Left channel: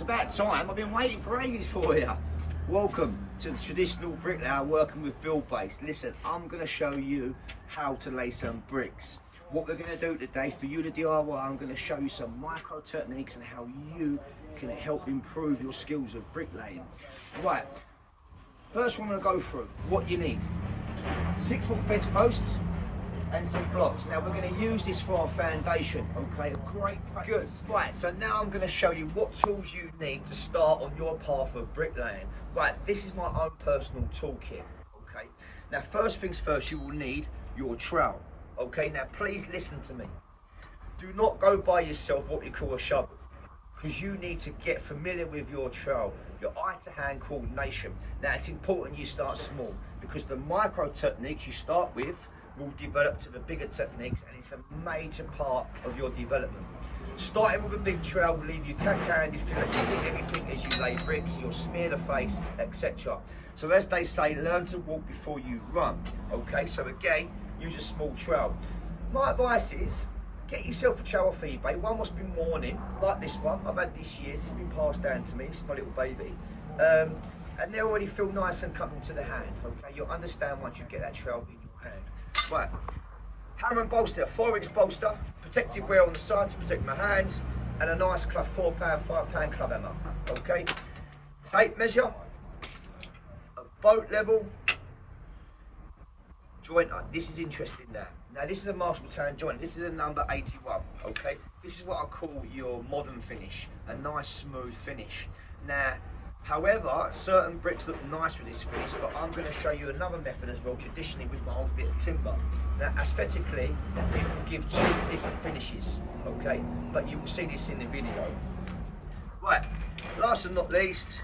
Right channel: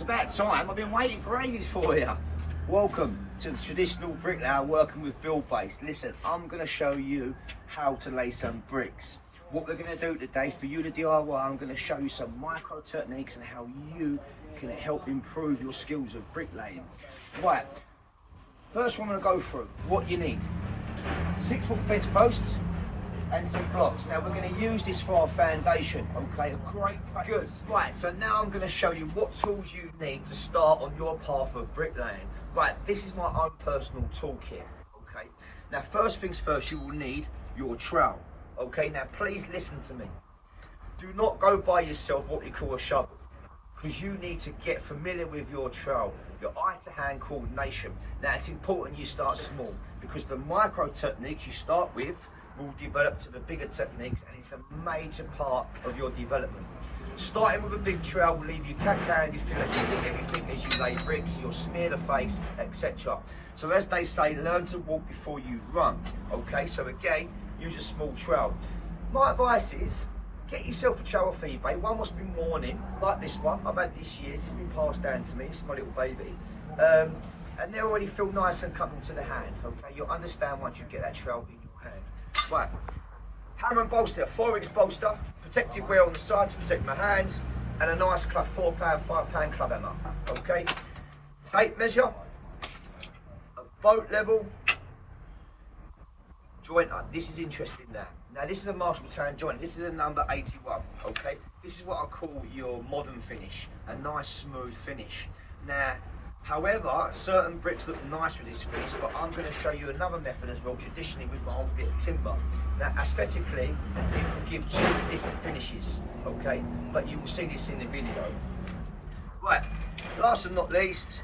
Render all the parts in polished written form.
it's about time. I've been waiting for ages for you. Welcome to the traditional bricklayer working with build base. Listen, I'm going to show you how to lay some bricks. What we're going to do today for you, the DIY, I'm going to show you some micro techniques and how you can help improve your skills of bricklaying. Right, first one I'm going to go through what you need. 6-foot fence posts and some blocks. Now we're going to use this for our foundation, okay? Great practice. Good. Right, so now I'm going to show you what tools you need to start on your path of bricklaying. Right, this is my own personal toolkit, okay? Now first things first, you will need your trowel, okay? Now please listen to me. Do not go buy yourself what we call a shovel, because you need to get familiar with your trowel, your eye-to-hand coordination. Now it's important you start small, because the micro techniques you start with will develop to the bigger techniques, and it's a major part of your development. Starting with a big trowel will leave you cack-handed, filling everything as you lay bricks, you'll smear the face, etc. So as they say, learn to walk before you run, okay? So again, use a small trowel. My advice is, get yourself a trowel off eBay, one what's been worn in, like this one. I've had this year's, it's been passed down to me, this is my little baby. And they already feel nice and coming to the hand, okay? You'll understand once you get that trowel in your hand. Right, hammer and bolster, 4-inch bolster, protective wear on the sides to protect my hands, and a nice club, £4, £5 club hammer, okay? Tape measure, a boat level, jointer. This is interesting now. Now this is a Marshalltown joint, this is a number 81, okay? This is what I call your modern finish, a nice smooth finish. Now, however, certain bricks look nice with this finish, but I'm going to show you another method as well, traditionally with my old bit of timber. Now, aesthetically, it will give 2 different finishes, okay? But you will see this in the video. Right, last but not least,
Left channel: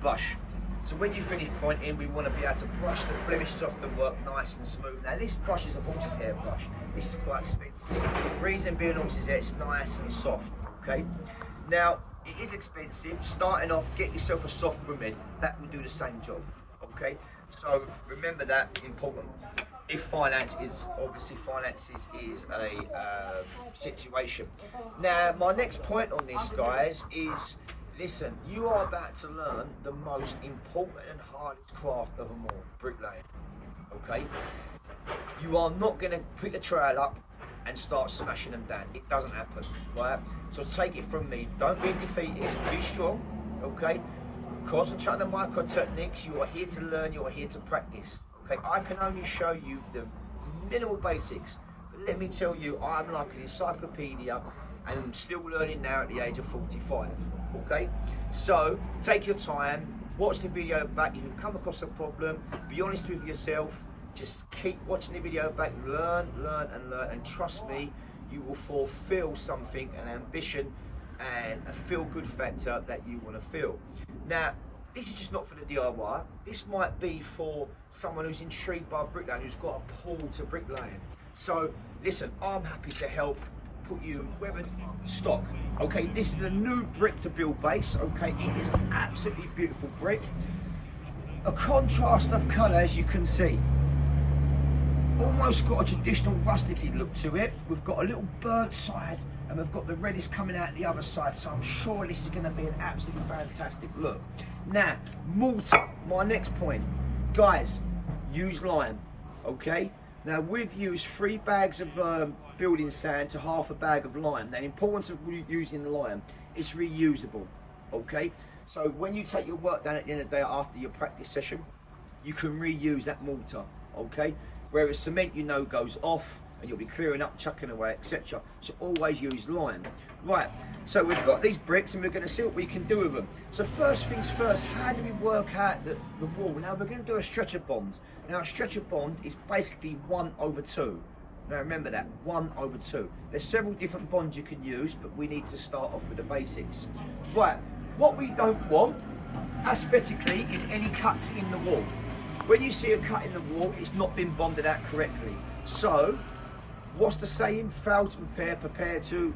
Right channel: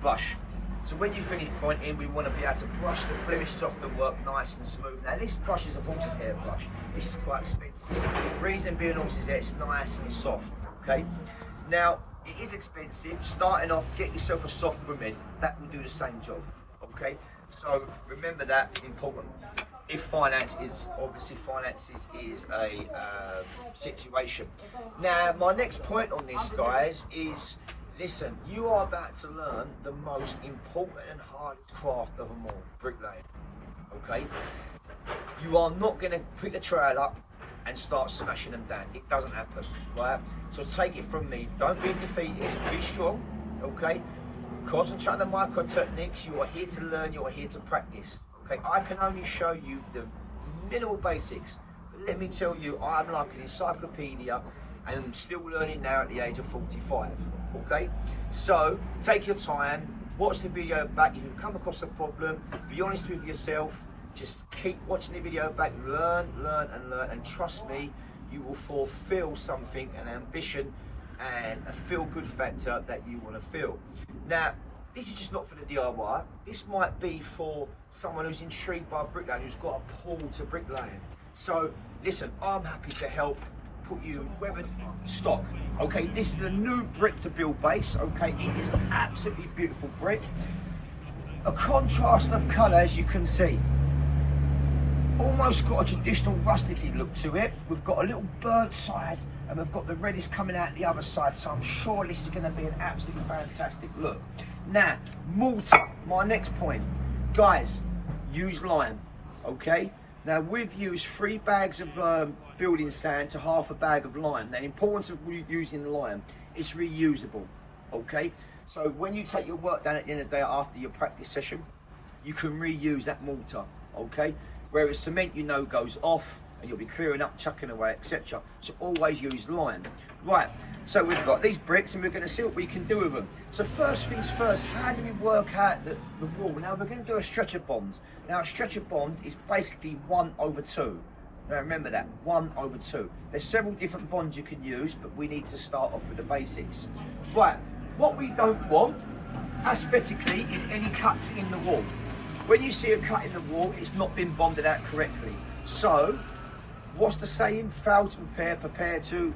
brush. So when you finish pointing, we want to be able to brush the blemishes off the work nice and smooth. Now, this brush is a horse's hair brush. This is quite expensive. Reason being horse's hair, it's nice and soft, okay? Now, it is expensive. Starting off, get yourself a soft broom head. That will do the same job, okay? So remember that, important. If finances is a situation. Now, my next point on this, guys, is listen, you are about to learn the most important and hardest craft of them all, bricklaying, okay? You are not going to pick the trowel up and start smashing them down. It doesn't happen, right? So take it from me. Don't be defeatist, be strong, okay? Concentrate on the micro techniques. You are here to learn, you are here to practice, okay? I can only show you the minimal basics, but let me tell you, I'm like an encyclopedia, and I'm still learning now at the age of 45, okay? So take your time, watch the video back. If you come across a problem, be honest with yourself. Just keep watching the video back, learn, and trust me, you will fulfill something, an ambition and a feel-good factor that you want to feel. Now, this is just not for the DIY. This might be for someone who's intrigued by bricklaying, who's got a pull to bricklaying. So, listen, I'm happy to help put you wherever stock. Okay, this is a new brick to build base. Okay, it is an absolutely beautiful brick. A contrast of colour, as you can see. Almost got a traditional rusticy look to it. We've got a little burnt side and we've got the reddish coming out the other side, so I'm sure this is going to be an absolutely fantastic look. Now, mortar, my next point. Guys, use lime, okay? Now we've used 3 bags of building sand to half a bag of lime. Now the importance of using lime, it's reusable, okay? So when you take your work done at the end of the day after your practice session, you can reuse that mortar, okay? Whereas cement, you know, goes off and you'll be clearing up, chucking away, etc. So always use lime. Right, so we've got these bricks and we're going to see what we can do with them. So first things first, how do we work out the wall? Now we're going to do a stretcher bond. Now a stretcher bond is basically 1/2. Now remember that, 1/2. There's several different bonds you can use, but we need to start off with the basics. Right, what we don't want, aesthetically, is any cuts in the wall. When you see a cut in the wall, it's not been bonded out correctly. So, what's the saying? Fail to prepare, prepare to...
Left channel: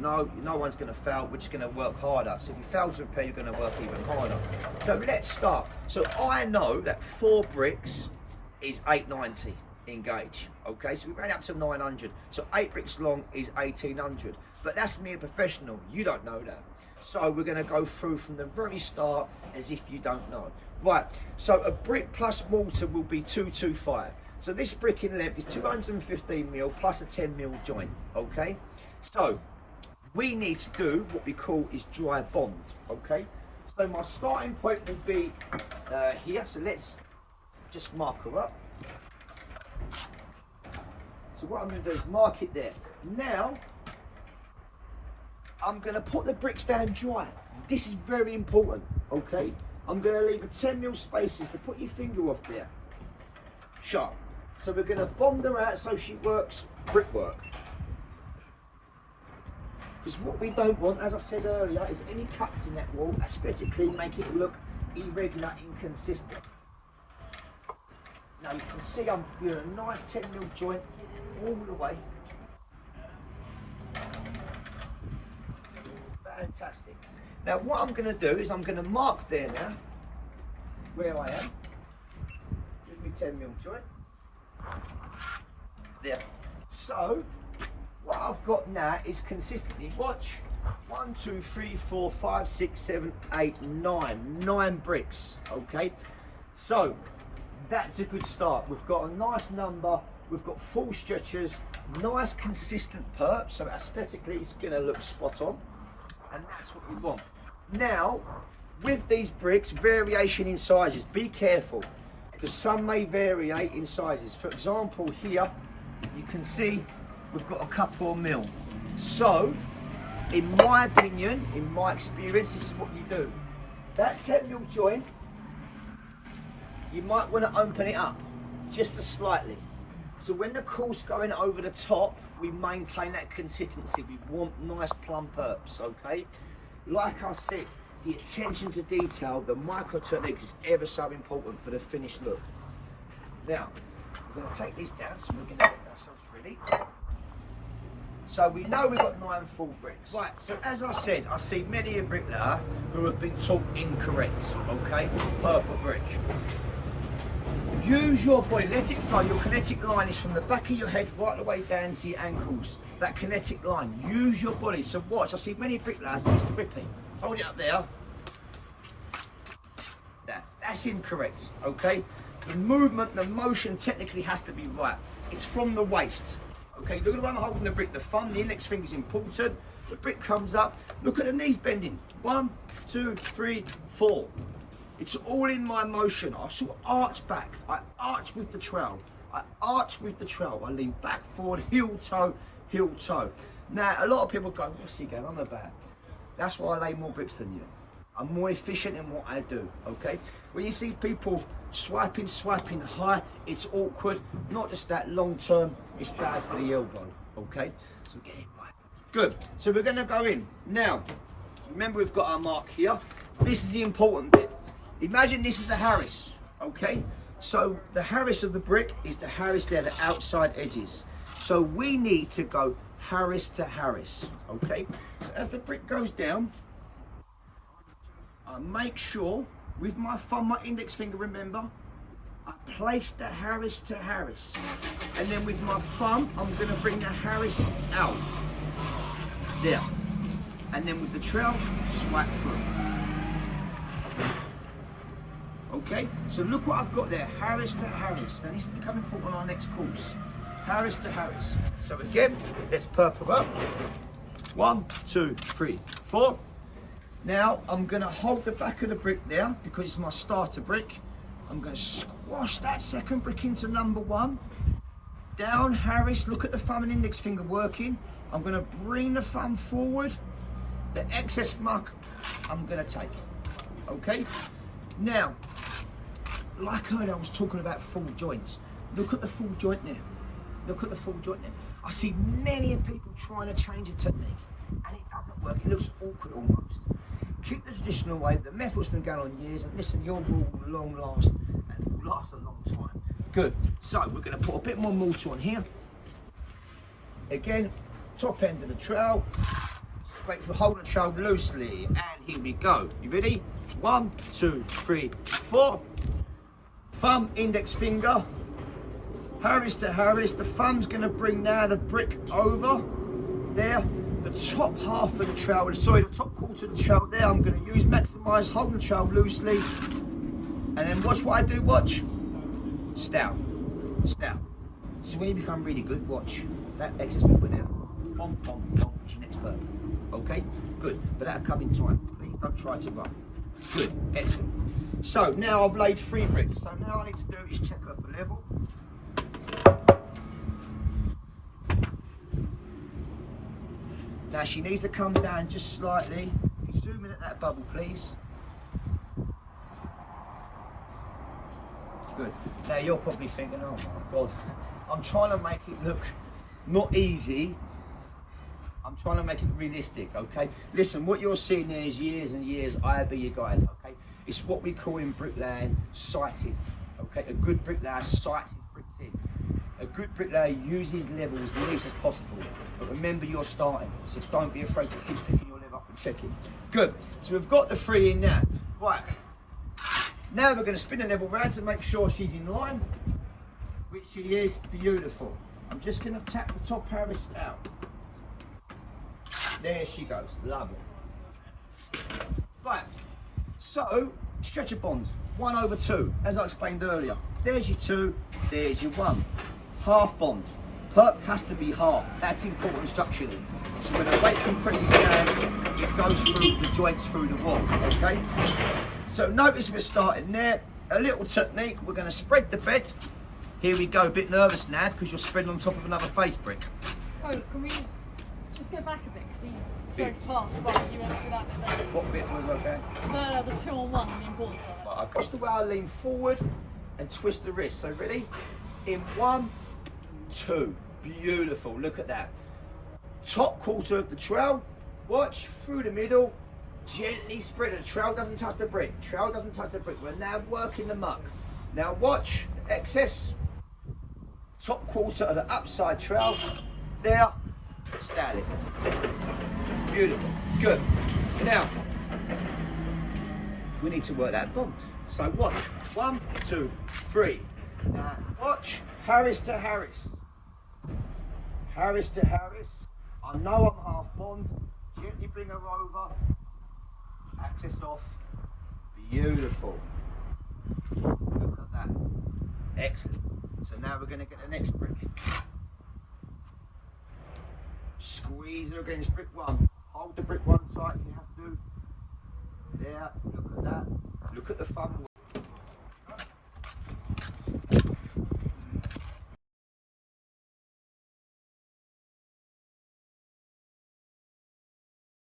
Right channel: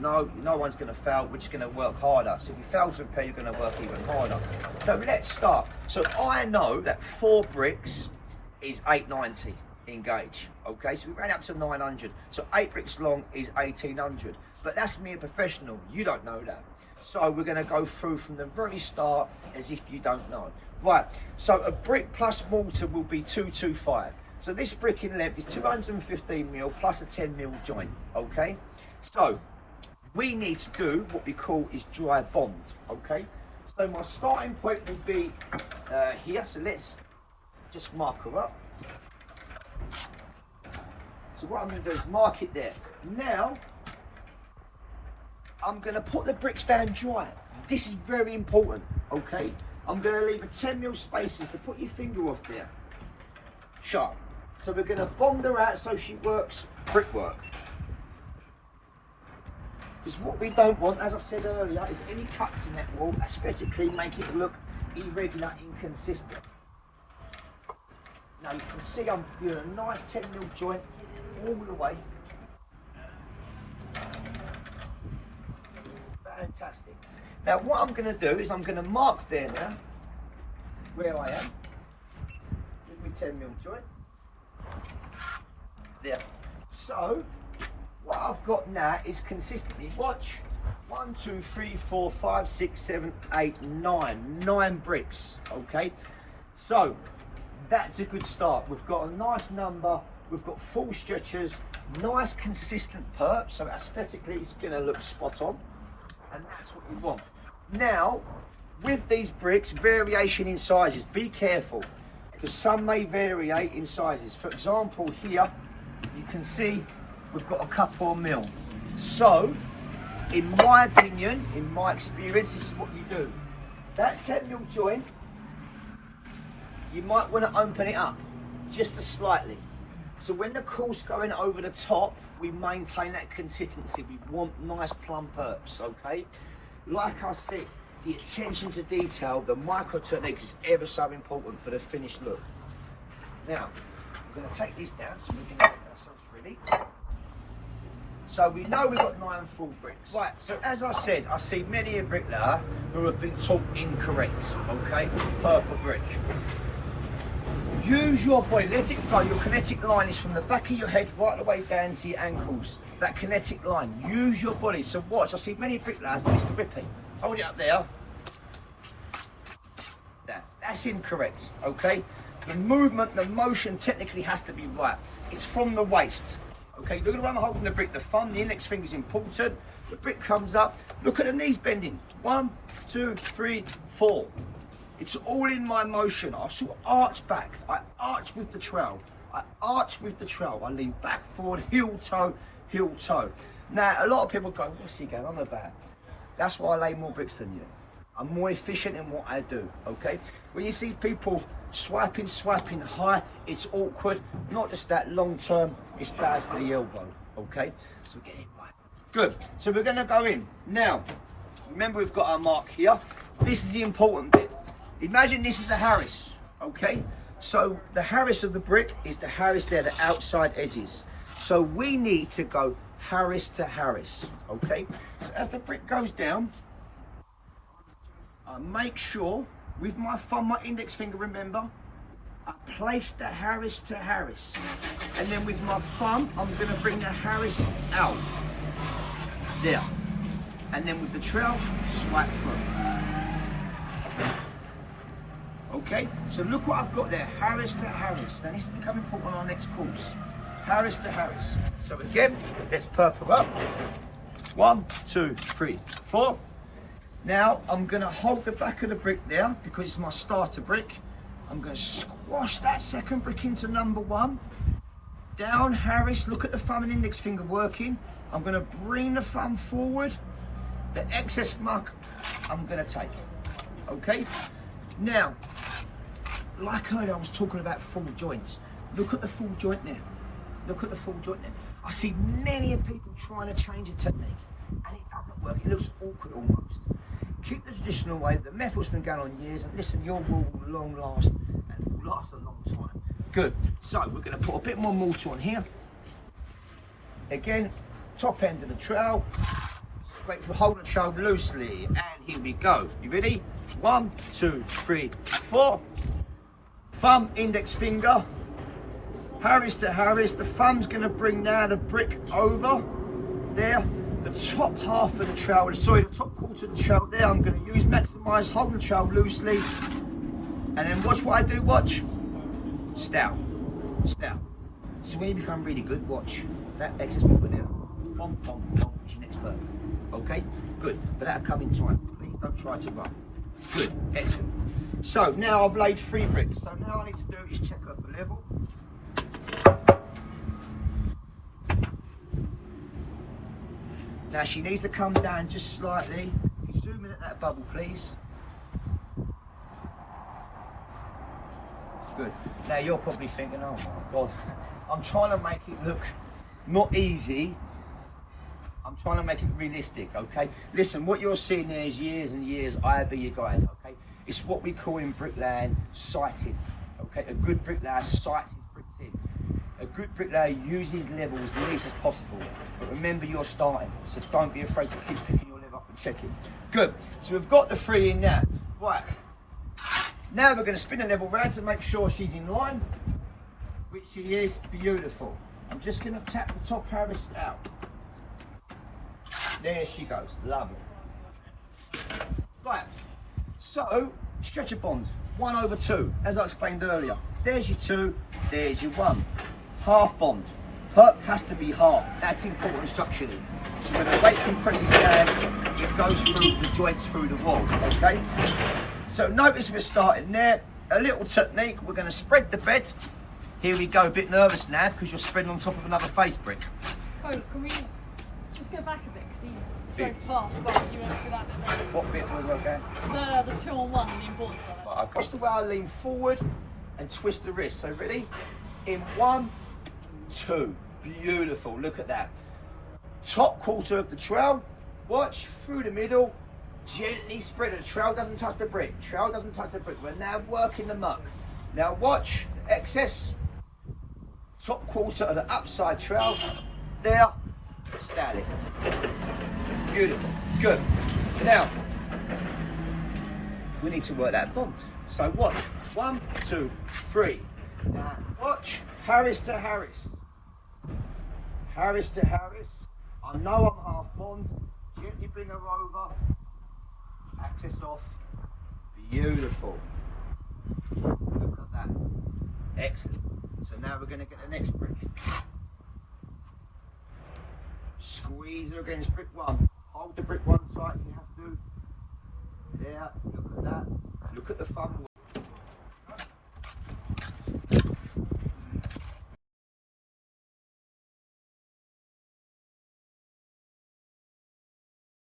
No one's going to fail, we're just going to work harder. So if you fail to prepare, you're going to work even harder. So let's start. So I know that 4 bricks is 890 in gauge. Okay, so we ran up to 900. So 8 bricks long is 1800. But that's me, a professional. You don't know that. So we're going to go through from the very start as if you don't know. Right, so a brick plus mortar will be 225. So this brick in length is 215mm plus a 10mm joint, okay? So we need to do what we call is dry bond, okay? So my starting point will be here, so let's just mark her up. So what I'm going to do is mark it there. Now, I'm going to put the bricks down dry. This is very important, okay? I'm going to leave a 10mm spaces to put your finger off there. Sharp. So we're going to bond her out so she works brickwork. Because what we don't want, as I said earlier, is any cuts in that wall aesthetically make it look irregular, inconsistent. Now you can see I'm doing a nice 10mm joint all the way. Fantastic. Now what I'm going to do is I'm going to mark there now where I am. Give me 10mm joint. There. So what I've got now is consistently, watch, 1, 2, 3, 4, 5, 6, 7, 8, 9 bricks, okay? So that's a good start. We've got a nice number, we've got full stretchers, nice consistent perp, so aesthetically it's gonna look spot on, and that's what we want. Now, with these bricks, variation in sizes, be careful, because some may vary in sizes. For example, here, you can see we've got a couple of mil. So, in my opinion, in my experience, this is what you do. That 10mm joint, you might want to open it up just slightly. So when the course going over the top, we maintain that consistency. We want nice plump perps, okay? Like I said, the attention to detail, the micro technique is ever so important for the finished look. Now, I'm going to take this down so we can get ourselves ready. So we know we've got 9 full bricks. Right, so as I said, I see many a bricklayer who have been taught incorrect, okay? Purple brick. Use your body, let it flow. Your kinetic line is from the back of your head right the way down to your ankles. That kinetic line, use your body. So watch, I see many bricklayers, it's the ripping. Hold it up there. Now, that's incorrect, okay? The movement, the motion technically has to be right. It's from the waist. Okay, look at the way I'm holding the brick. The thumb, the index finger is important. The brick comes up. Look at the knees bending. 1, 2, 3, 4. It's all in my motion. I sort of arch back. I arch with the trowel. I arch with the trowel. I lean back, forward, heel, toe, heel, toe. Now, a lot of people go, what's he going on about? That's why I lay more bricks than you. I'm more efficient in what I do, okay? When you see people swiping high, it's awkward. Not just that, long term, it's bad for the elbow, okay? So get it right. Good, so we're gonna go in. Now, remember we've got our mark here. This is the important bit. Imagine this is the Harris, okay? So the Harris of the brick is the Harris there, the outside edges. So we need to go Harris to Harris, okay? So as the brick goes down, I make sure with my thumb, my index finger, remember, I place the Harris to Harris. And then with my thumb, I'm gonna bring the Harris out. There. And then with the trowel, swipe through. Okay, so look what I've got there, Harris to Harris. Now this is becoming important on our next course. Harris to Harris. So again, let's purple up. 1, 2, 3, 4. Now I'm going to hold the back of the brick there because it's my starter brick. I'm going to squash that second brick into number 1. Down Harris, look at the thumb and index finger working. I'm going to bring the thumb forward. The excess muck I'm going to take. Okay? Now, like earlier I was talking about full joints. Look at the full joint there. Look at the full joint there. I see many people trying to change a technique and it doesn't work. It looks awkward almost. Keep the traditional way. The method's been going on years, and listen, your wall will long last and will last a long time. Good. So we're going to put a bit more mortar on here. Again, top end of the trowel. Wait for hold the trowel loosely, and here we go. You ready? 1, 2, 3, 4. Thumb, index finger. Harris to Harris. The thumb's going to bring now the brick over there. the top half of the trowel, sorry, the top quarter of the trowel there, I'm going to use maximise, hold the trowel loosely, and then watch what I do, watch. Stout. So when you become really good, watch. That excess bit with there. Pom, pom, pom, it's your next bird. Okay? Good. But that'll come in time. Please don't try to run. Good. Excellent. So now I've laid 3 bricks. So now all I need to do is check her for level. Now she needs to come down just slightly. Zoom in at that bubble, please. Good. Now you're probably thinking, oh my God, I'm trying to make it look not easy. I'm trying to make it realistic, okay? Listen, what you're seeing there is years and years, I be your guide, okay? It's what we call in bricklaying sighting, okay? A good bricklayer sights his bricks in. A good bricklayer uses level as least as possible. But remember, you're starting, so don't be afraid to keep picking your level up and checking. Good, so we've got the 3 in now. Right, now we're going to spin the level round to make sure she's in line, which she is. Beautiful. I'm just going to tap the top Harris out. There she goes, lovely. Right, so stretcher bond, 1/2, as I explained earlier. There's your 2, there's your 1. Half bond, perp has to be half. That's important structurally. So when the weight compresses down, it goes through the joints through the wall, okay? So notice we're starting there. A little technique, we're going to spread the bed. Here we go, a bit nervous now because you're spreading on top of another face brick. Oh, can we just go back a bit because he's so fast. Well, you went through that bit there. What bit was okay? No, the 2 on 1 and the importance of it. Right, watch the way I lean forward and twist the wrist. So ready? In 1, 2. Beautiful, look at that. Top quarter of the trowel, watch through the middle, gently spread it. The trowel doesn't touch the brick. Trowel doesn't touch the brick. We're now working the muck. Now watch the excess. Top quarter of the upside trowel. There. Static. Beautiful. Good. Now, we need to work that bond. So watch. 1, 2, 3. Now watch. Harris to Harris. Harris to Harris. I know I'm half bond. Gently bring her over. Access off. Beautiful. Look at that. Excellent. So now we're going to get the next brick. Squeeze her against brick 1. Hold the brick 1 tight if you have to. There. Look at that. Look at the thumb.